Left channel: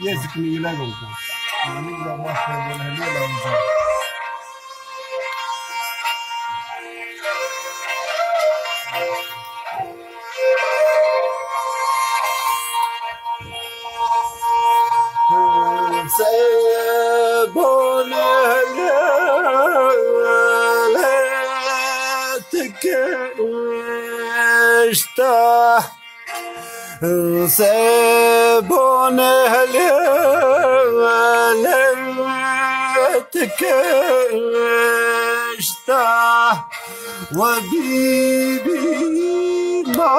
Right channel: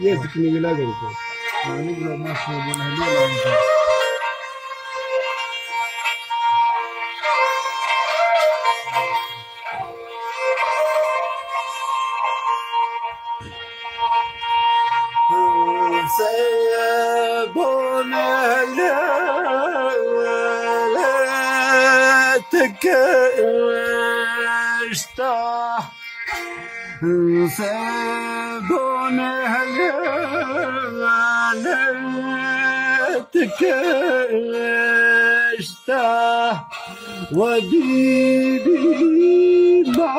يزكني ولادهم يعني لو ما شاء الله هليل سيبون ليلتك اشتاح سيبون ليلتك اشتاح وبيبي ما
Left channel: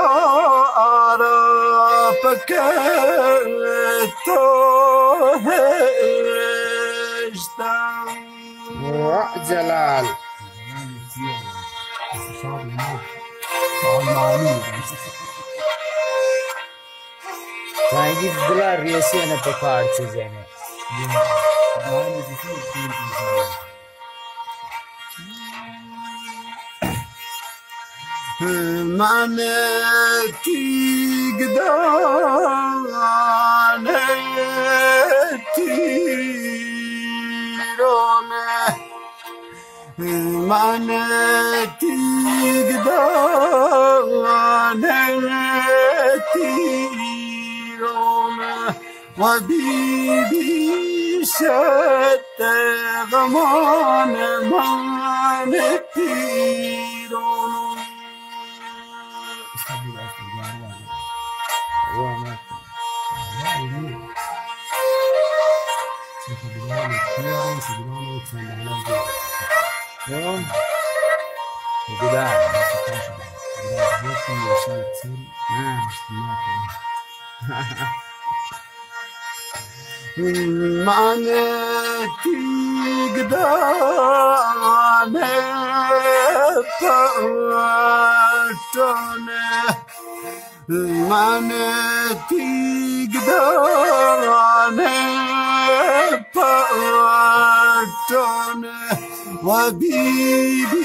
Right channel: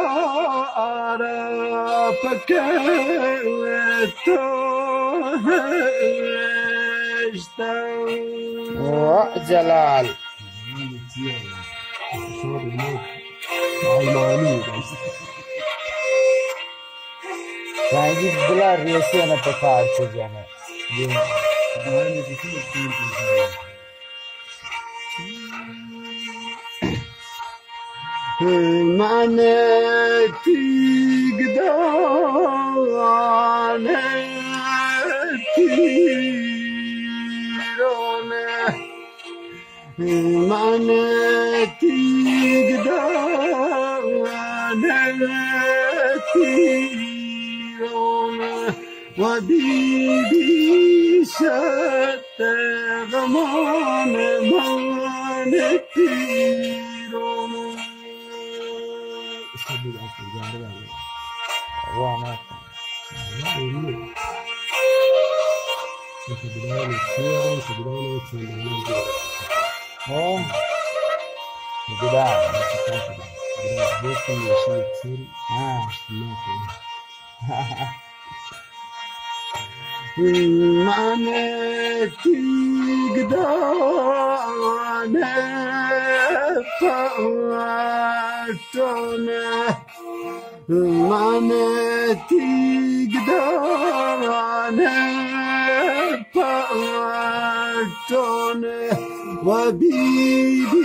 أعرفك جلال Sanki dediler resiyene pekarçız yani. Maneti gdaneti rone maneti gdaneti rone wabibi shatte gman maneti معناتي قدامي فاتوني معناتي قدامي فاتوني وبيبي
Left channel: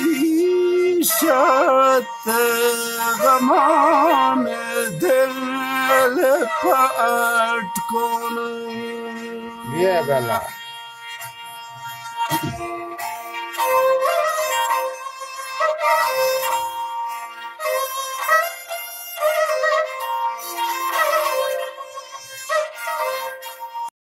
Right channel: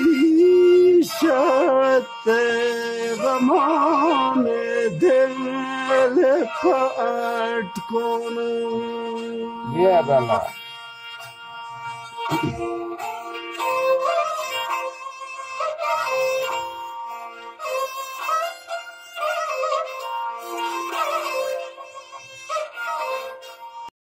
شات غمان دل فاتكوني يا بلا